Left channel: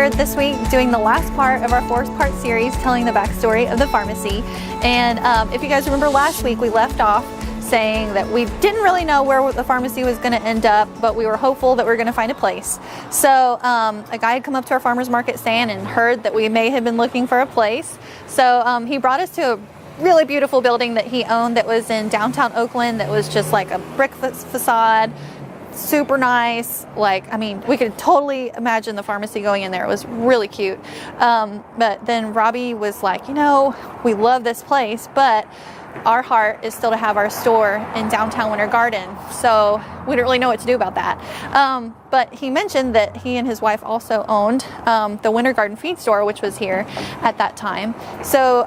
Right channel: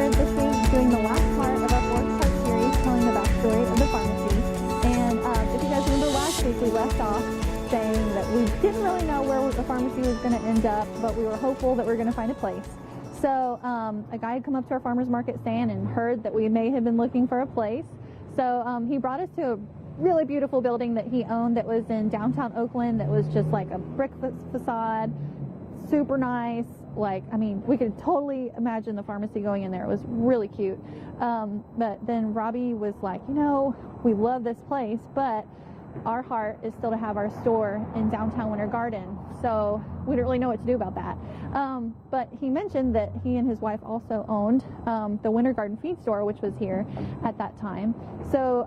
here this week doing the last part of our 4-part series telling the backstory of the pharmacy. And if you guys remember last week, we left off saying that we didn't really know where the pharmacy was going to end up, but we were hopeful that we were going to find a place. So a guy had come up to our farmer's market stand and heard that we may have been looking for a place. So he brought us to a really beautiful building that he owned that was in downtown Oakland, that was just like a brick facade, super nice. Like, I mean, we could totally imagine the pharmacy going in there. It was really cute. But then Robbie was like, you know, we love this place, but our heart is still to have our store in downtown Winter Garden. So we didn't really know what to do about that. But he mentioned that he and his wife also owned the Winter Garden feed store, which was here at that time. So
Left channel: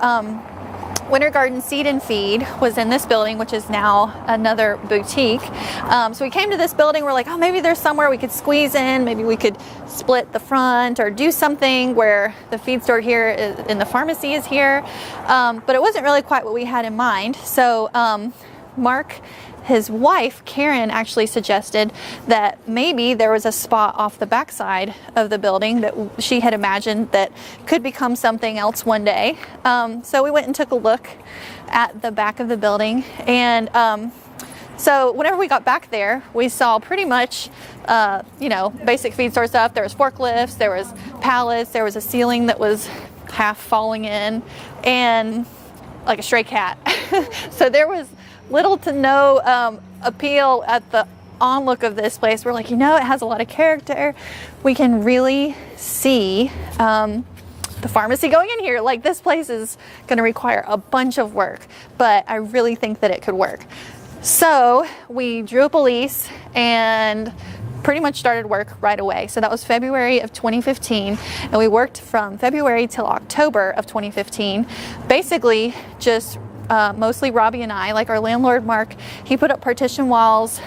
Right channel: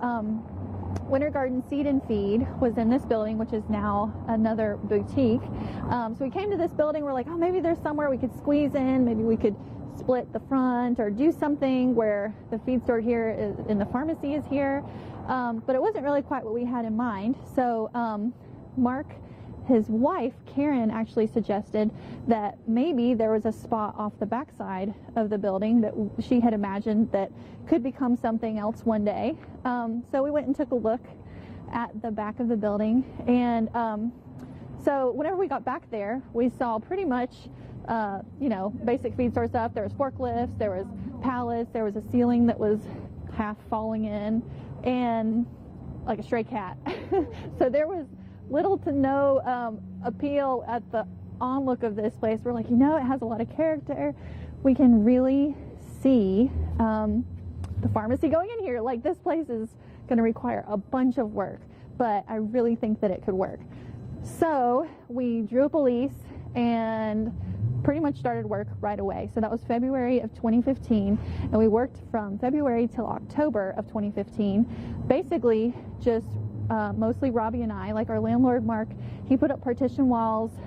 Winter Garden Seed and Feed was in this building, which is now another boutique. So we came to this building, we're like, oh, maybe there's somewhere we could squeeze in, maybe we could split the front or do something where the feed store here is, and the pharmacy is here. But it wasn't really quite what we had in mind. So Mark, his wife, Karen, actually suggested that maybe there was a spot off the backside of the building that she had imagined that could become something else one day. So we went and took a look at the back of the building. And so whenever we got back there, we saw pretty much, you know, basic feed store stuff. There was forklifts, there was pallets, there was a ceiling that was half falling in, and like a stray cat. So there was little to no appeal at the onlook of this place. We're like, you know, it has a lot of character. We can really see the pharmacy going in here. Like, this place is going to require a bunch of work, but I really think that it could work. So we drew up a lease and pretty much started work right away. So that was February of 2015, and we worked from February till October of 2015, basically just mostly Robbie and I. Like, our landlord Mark, he put up partition walls,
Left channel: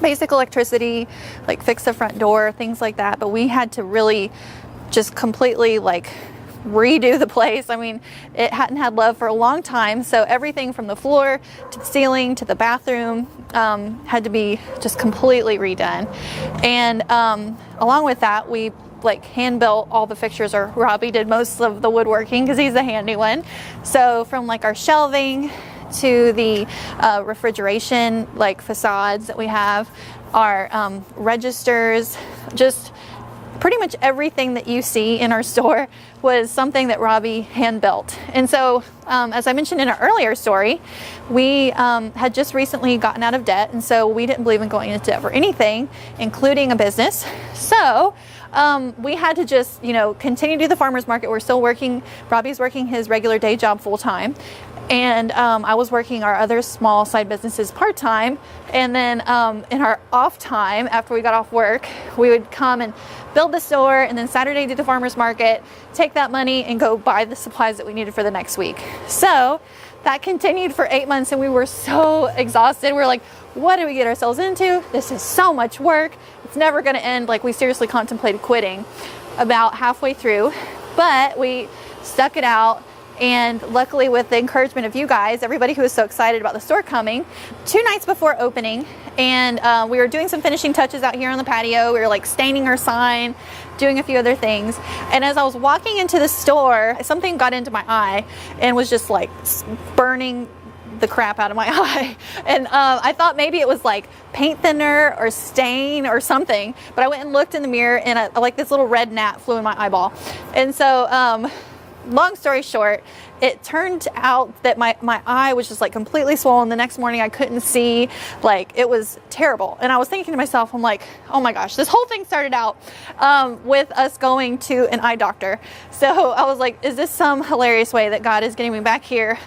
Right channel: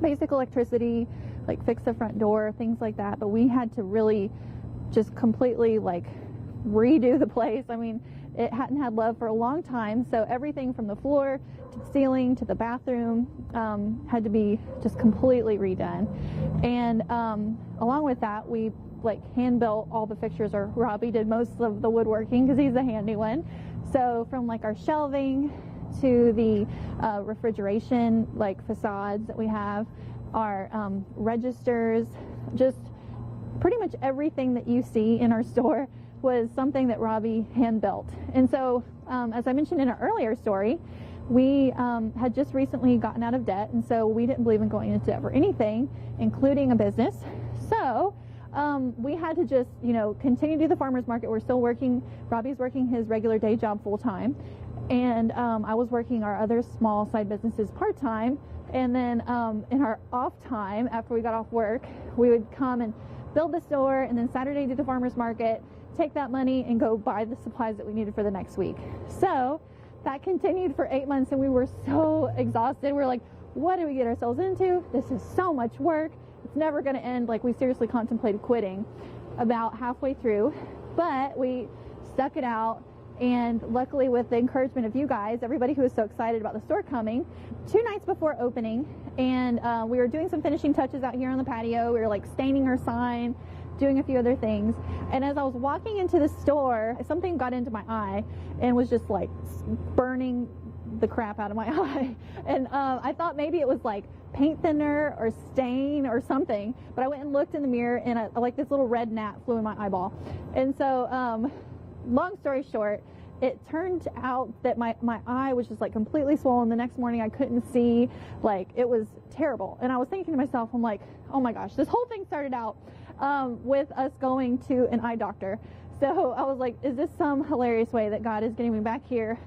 basic electricity, like fix the front door, things like that. But we had to really just completely like redo the place. I mean, it hadn't had love for a long time, so everything from the floor to the ceiling to the bathroom had to be just completely redone. And along with that, we like hand built all the fixtures, or Robbie did most of the woodworking because he's the handy one. So from like our shelving to the refrigeration like facades that we have, our registers, just pretty much everything that you see in our store was something that Robbie hand built. And so as I mentioned in an earlier story, we had just recently gotten out of debt, and so we didn't believe in going into debt for anything, including a business. So we had to just, you know, continue to do the farmer's market. We're still working. Robbie's working his regular day job full time, and I was working our other small side businesses part time. And then in our off time, after we got off work, we would come and build the store, and then Saturday do the farmer's market, take that money and go buy the supplies that we needed for the next week. So that continued for 8 months, and we were so exhausted. We were like, what did we get ourselves into? This is so much work. It's never going to end. Like, we seriously contemplated quitting about halfway through, but we stuck it out. And luckily, with the encouragement of you guys, everybody who was so excited about the store coming, 2 nights before opening, and we were doing some finishing touches out here on the patio. We were like staining our sign, doing a few other things. And as I was walking into the store, something got into my eye and was just like burning the crap out of my eye. And I thought maybe it was like paint thinner or stain or something, but I went and looked in the mirror, and like this little red gnat flew in my eyeball. And so long story short, it turned out that my eye was just like completely swollen. The next morning I couldn't see. Like, it was terrible. And I was thinking to myself, I'm like, oh my gosh, this whole thing started out with us going to an eye doctor. So I was like, is this some hilarious way that God is getting me back here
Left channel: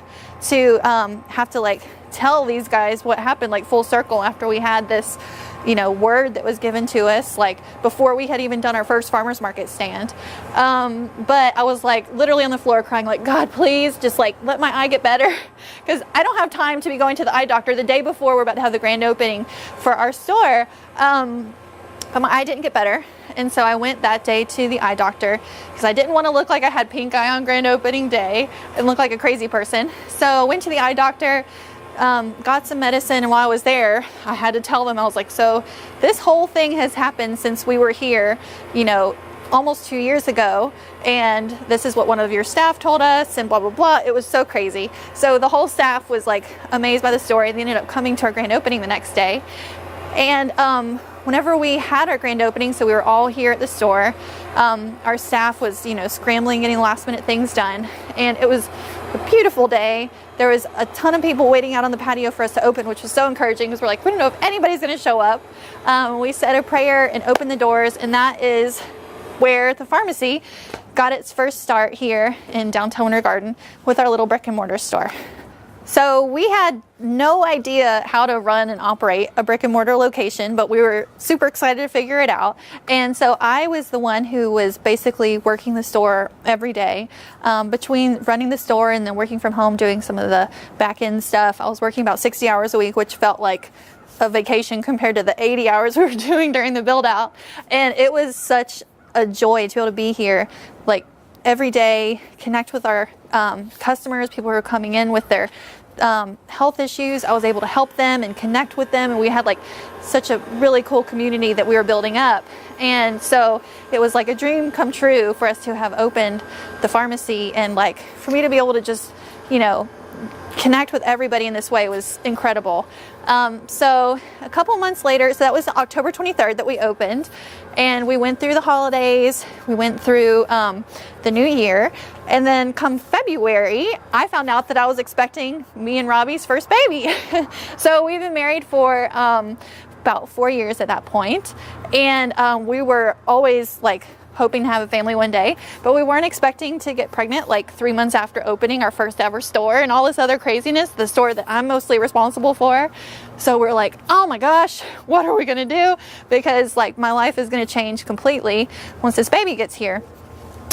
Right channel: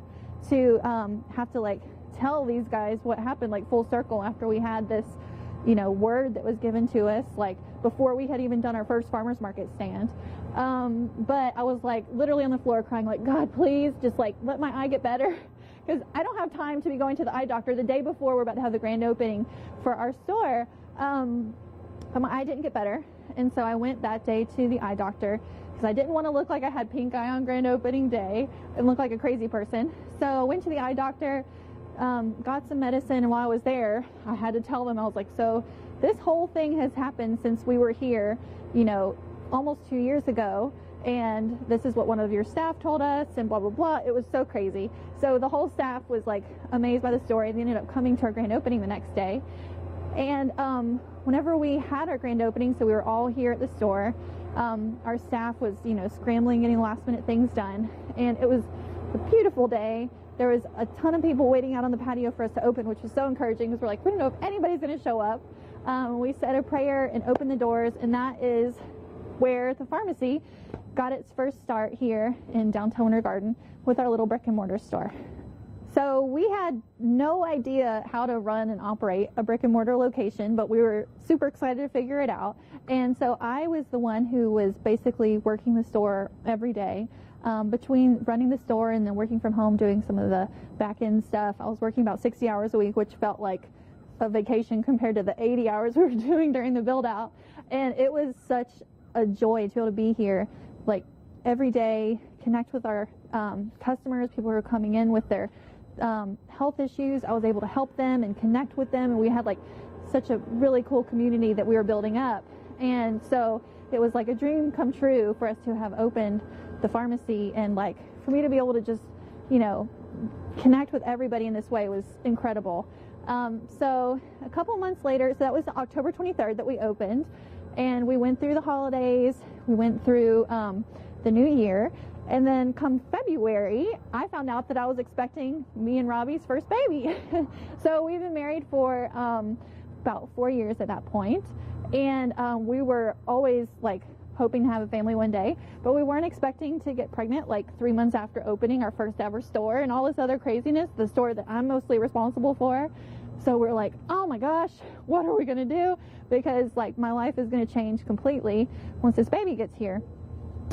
to have to like tell these guys what happened, like full circle, after we had this, you know, word that was given to us, like before we had even done our first farmer's market stand. But I was like literally on the floor crying, like, God, please just like let my eye get better, because I don't have time to be going to the eye doctor the day before we're about to have the grand opening for our store. But my eye didn't get better. And so I went that day to the eye doctor because I didn't want to look like I had pink eye on grand opening day and look like a crazy person. So I went to the eye doctor, got some medicine, and while I was there, I had to tell them, I was like, so this whole thing has happened since we were here, you know, almost 2 years ago, and this is what one of your staff told us, and blah, blah, blah. It was so crazy. So the whole staff was like amazed by the story. They ended up coming to our grand opening the next day. And whenever we had our grand opening, so we were all here at the store, our staff was, you know, scrambling, getting last minute things done. And it was a beautiful day. There was a ton of people waiting out on the patio for us to open, which was so encouraging because we're like, we don't know if anybody's going to show up. We said a prayer and opened the doors, and that is where the Farmacy got its first start here in downtown Winter Garden with our little brick and mortar store. So we had no idea how to run and operate a brick and mortar location, but we were super excited to figure it out. And so I was the one who was basically working the store every day. Between running the store and then working from home, doing some of the back end stuff, I was working about 60 hours a week, which felt like a vacation compared to the 80 hours we were doing during the build out. And it was such a joy to be able to be here, like every day, connect with our customers, people who are coming in with their health issues. I was able to help them and connect with them, and we had like such a really cool community that we were building up. And so it was like a dream come true for us to have opened the Farmacy, and like for me to be able to just, you know, connect with everybody in this way was incredible. So a couple months later, so that was October 23rd that we opened, and we went through the holidays, we went through the new year, and then come February, I found out that I was expecting me and Robbie's first baby. So we've been married for about 4 years at that point, and we were always like hoping to have a family one day, but we weren't expecting to get pregnant like 3 months after opening our first ever store and all this other craziness, the store that I'm mostly responsible for. So we're like, oh my gosh, what are we gonna do? Because like my life is gonna change completely once this baby gets here.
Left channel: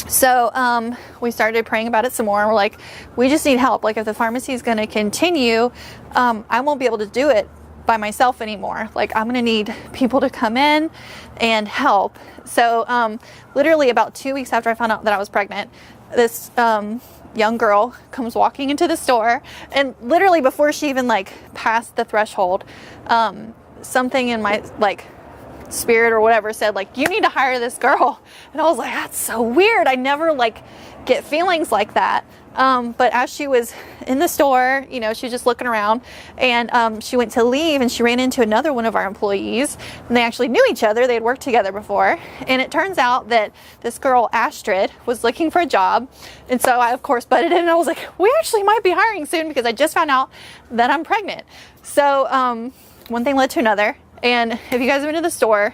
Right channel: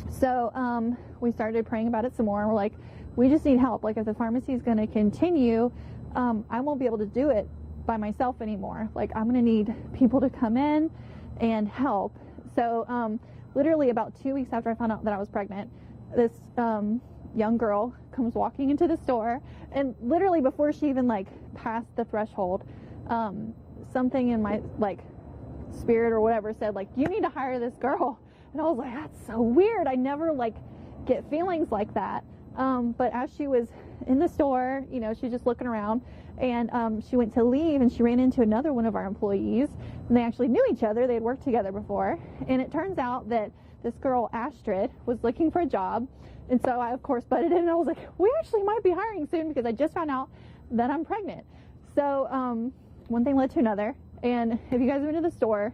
So we started praying about it some more, and we're like, we just need help. Like if the Farmacy is gonna continue, I won't be able to do it by myself anymore. Like I'm gonna need people to come in and help. So literally about 2 weeks after I found out that I was pregnant, this young girl comes walking into the store, and literally before she even like passed the threshold, something in my like spirit or whatever said like, you need to hire this girl. And I was like, that's so weird. I never like get feelings like that. But as she was in the store, you know, she was just looking around, and she went to leave, and she ran into another one of our employees, and they actually knew each other. They had worked together before. And it turns out that this girl, Astrid, was looking for a job. And so I, of course, butted in, and I was like, we actually might be hiring soon because I just found out that I'm pregnant. So one thing led to another. And if you guys have been to the store,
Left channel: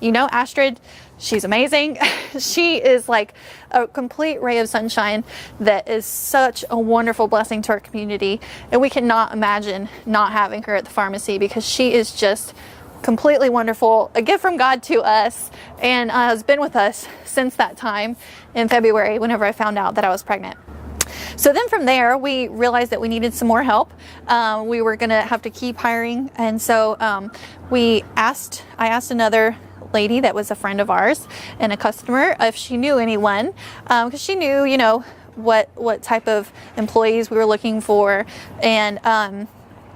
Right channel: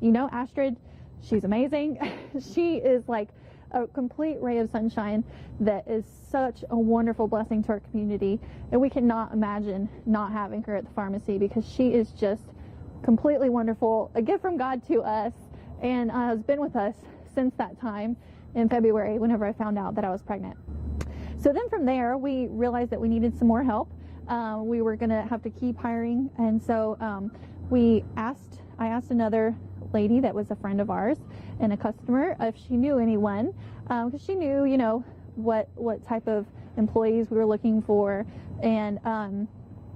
you know Astrid. She's amazing. She is like a complete ray of sunshine that is such a wonderful blessing to our community. And we cannot imagine not having her at the Farmacy because she is just completely wonderful, a gift from God to us, and has been with us since that time in February whenever I found out that I was pregnant. So then from there, we realized that we needed some more help. We were gonna have to keep hiring. And so I asked another lady that was a friend of ours and a customer if she knew anyone, because she knew, you know, what type of employees we were looking for. And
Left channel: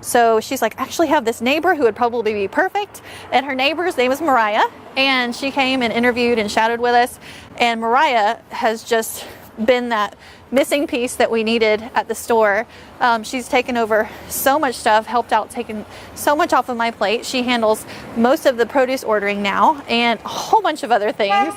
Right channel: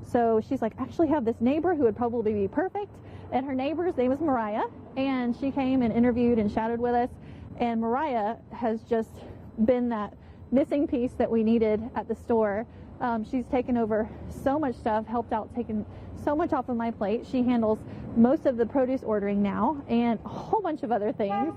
so she's like, I actually have this neighbor who would probably be perfect. And her neighbor's name is Mariah. And she came and interviewed and chatted with us. And Mariah has just been that missing piece that we needed at the store. She's taken over so much stuff, helped out, taken so much off of my plate. She handles most of the produce ordering now and a whole bunch of other things.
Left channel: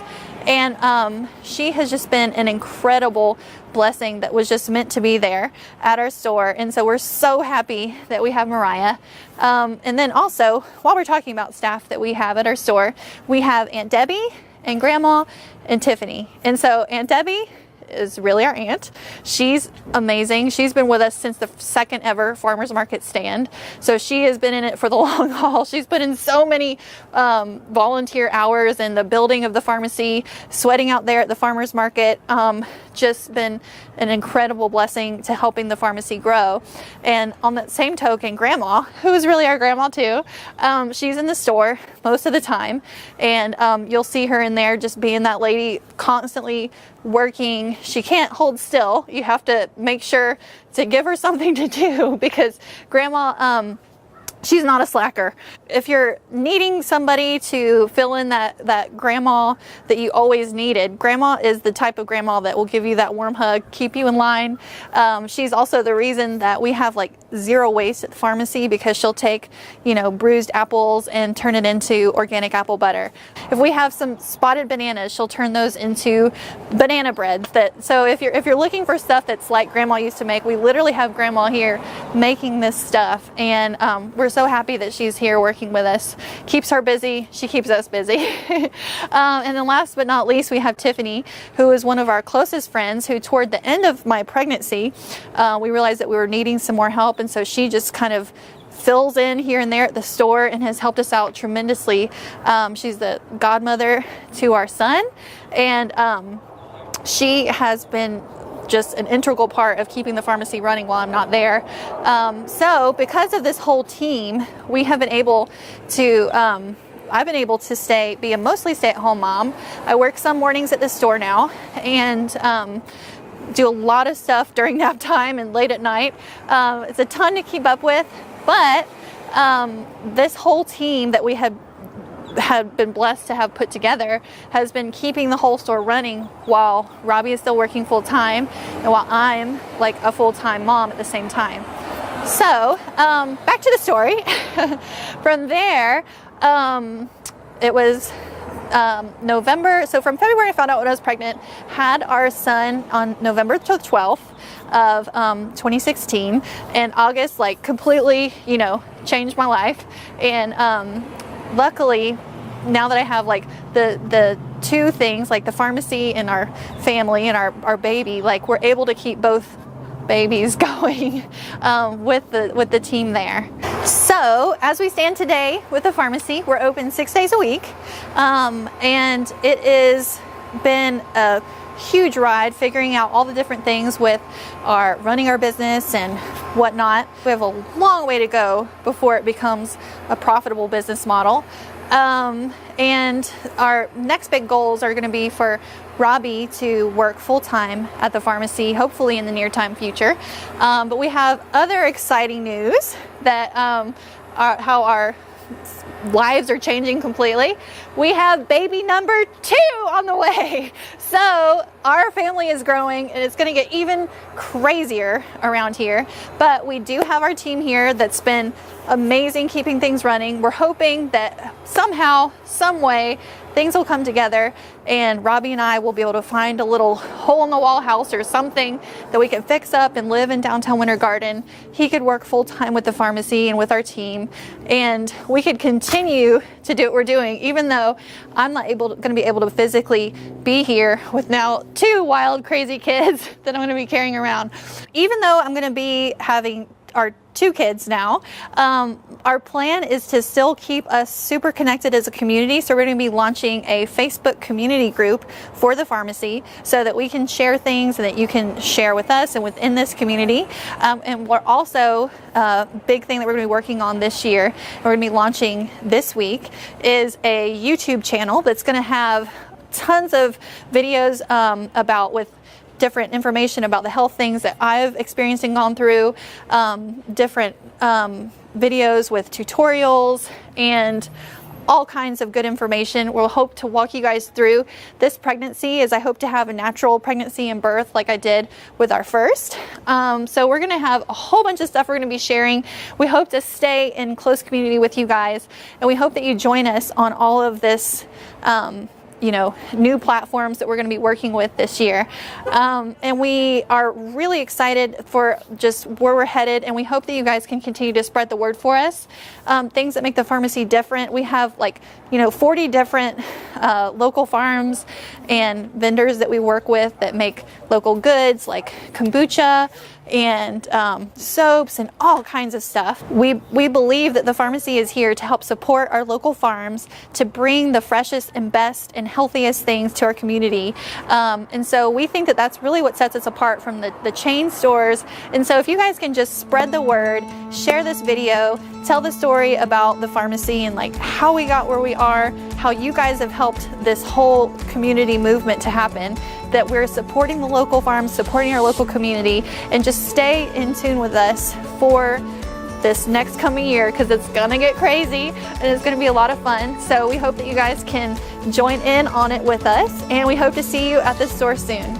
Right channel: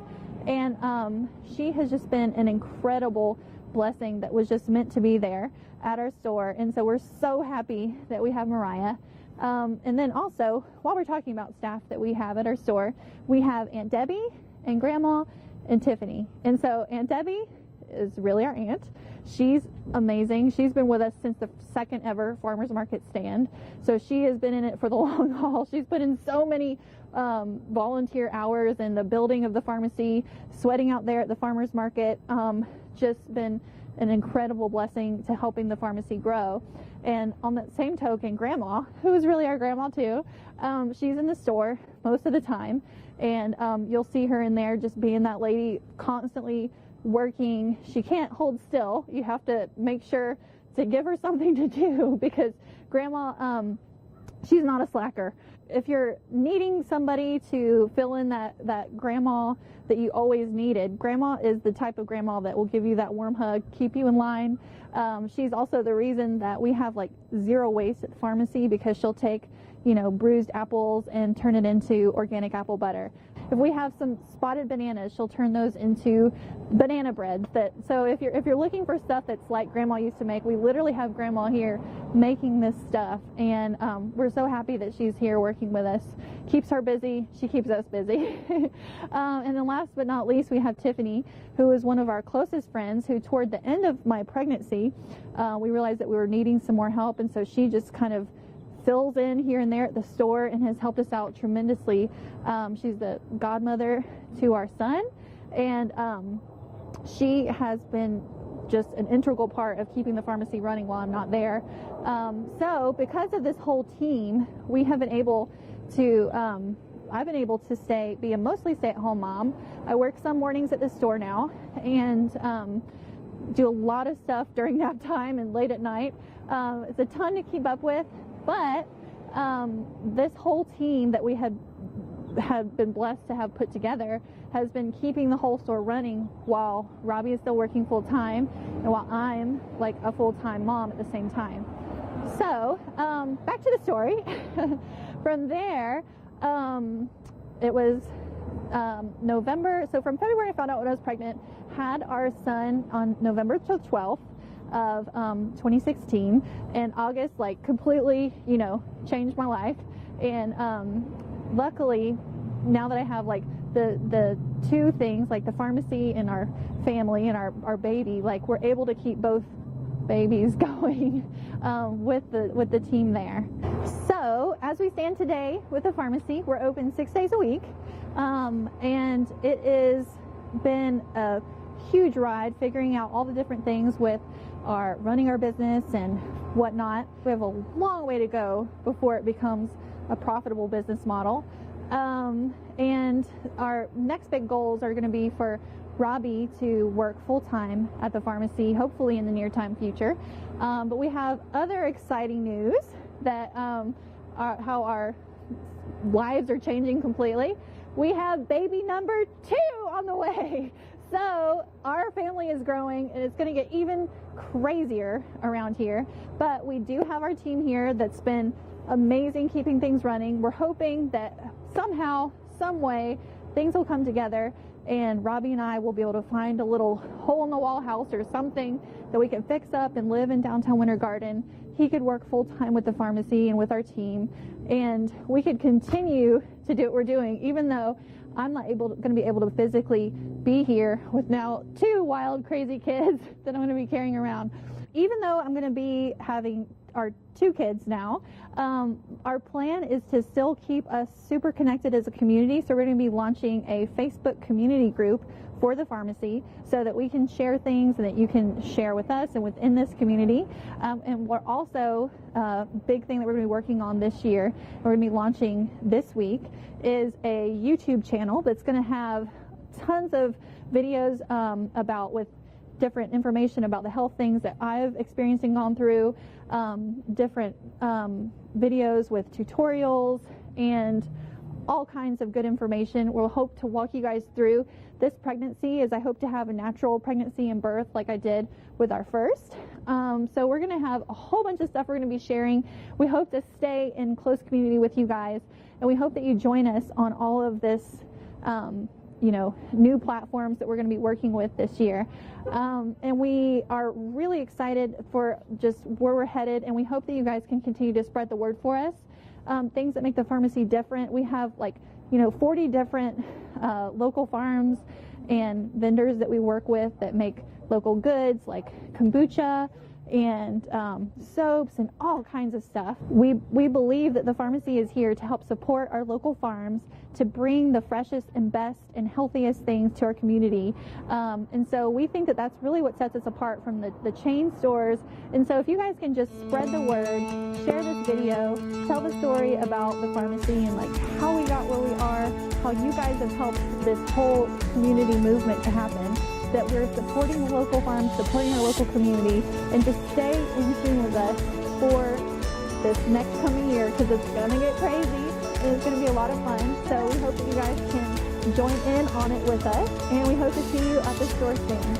And she has just been an incredible blessing that was just meant to be there at our store. And so we're so happy that we have Mariah. And then also, while we're talking about staff that we have at our store, we have Aunt Debbie and Grandma and Tiffany. And so Aunt Debbie is really our aunt. She's amazing. She's been with us since the second ever farmers market stand. So she has been in it for the long haul. She's put in so many volunteer hours in the building of the Farmacy, sweating out there at the farmers market. Just been an incredible blessing to helping the Farmacy grow. And on that same token, Grandma, who is really our grandma too, she's in the store most of the time, and you'll see her in there just being that lady, constantly working. She can't hold still. You have to make sure to give her something to do because Grandma she's not a slacker. If you're needing somebody to fill in that grandma that you always needed, grandma is the type of grandma that will give you that warm hug, keep you in line. She's also the reason that we have like zero waste at the pharmacy, because she'll take, you know, bruised apples and turn it into organic apple butter. If we have some spotted bananas, she'll turn those into banana bread. So if you're looking for stuff that's like grandma used to make, we literally have grandma here making this stuff, and we're so happy that she's here working with us. Keeps her busy, she keeps us busy. And then last but not least, we have Tiffany, who is one of our closest friends, who toward the end of my pregnancy, we realized that we were needing some more help, and so she just kind of fills in here and there at the store and has helped us out tremendously. She's the godmother to our son, and she has been just an integral part of keeping the pharmacy running while I'm not there. So because of this whole team, we have been able to, I've been able to be a mostly stay-at-home mom. I work some mornings at the store now, and do a lot of stuff during nap time and late at night. It's a ton to keep up with, but this whole team that we had been blessed to have put together has been keeping the whole store running while Robbie is still working full-time and while I'm like a full-time mom at the same time. So back to the story. From there, it was November. So from February I found out when I was pregnant, had our son on November 12th of 2016, and August like completely, you know, changed my life. And luckily, now that I have like the two things, like the pharmacy and our family and our baby, like we're able to keep both babies going with the team there. So as we stand today with the pharmacy, we're open 6 days a week, and it has been a huge ride figuring out all the different things with running our business and whatnot. We have a long way to go before it becomes a profitable business model. And our next big goals are going to be for Robbie to work full-time at the pharmacy, hopefully in the near-time future. But we have other exciting news that how our lives are changing completely. We have baby number 2 on the way. So our family is growing, and it's going to get even crazier around here. But we do have our team here that's been amazing keeping things running. We're hoping that somehow, some way, things will come together and Robbie and I will be able to find a little hole-in-the-wall house or something that we can fix up and live in downtown Winter Garden. He could work full-time with the pharmacy and with our team, and we could continue to do what we're doing, even though I'm not going to be able to physically be here with now 2 wild, crazy kids that I'm going to be carrying around. Even though I'm going to be having our 2 kids now, our plan is to still keep us super connected as a community. So we're going to be launching a Facebook community group for the pharmacy so that we can share things and that you can share with us and within this community. And we're also, big thing that we're going to be working on this year, we're going to be launching this week, is a YouTube channel that's going to have tons of videos with different information about the health things that I've experienced and gone through, different videos with tutorials and all kinds of good information. We'll hope to walk you guys through this pregnancy, as I hope to have a natural pregnancy and birth like I did with our first. So we're going to have a whole bunch of stuff we're going to be sharing. We hope to stay in close community with you guys, and we hope that you join us on all of this new platforms that we're going to be working with this year. And we are really excited for just where we're headed, and we hope that you guys can continue to spread the word for us. Things that make the pharmacy different. We have 40 different local farms and vendors that we work with that make local goods like kombucha and soaps and all kinds of stuff. We believe that the pharmacy is here to help support our local farms, to bring the freshest and best and healthiest things to our community. And so we think that that's really what sets us apart from the chain stores. And so if you guys can just spread the word, share this video, tell the story about the pharmacy and how we got where we are, how you guys have helped this whole community movement to happen, that we're supporting the local farms, supporting our local community, and just stay in tune with us for this next coming year, because it's gonna get crazy and it's gonna be a lot of fun. So we hope that you guys can join in on it with us, and we hope to see you at the store soon.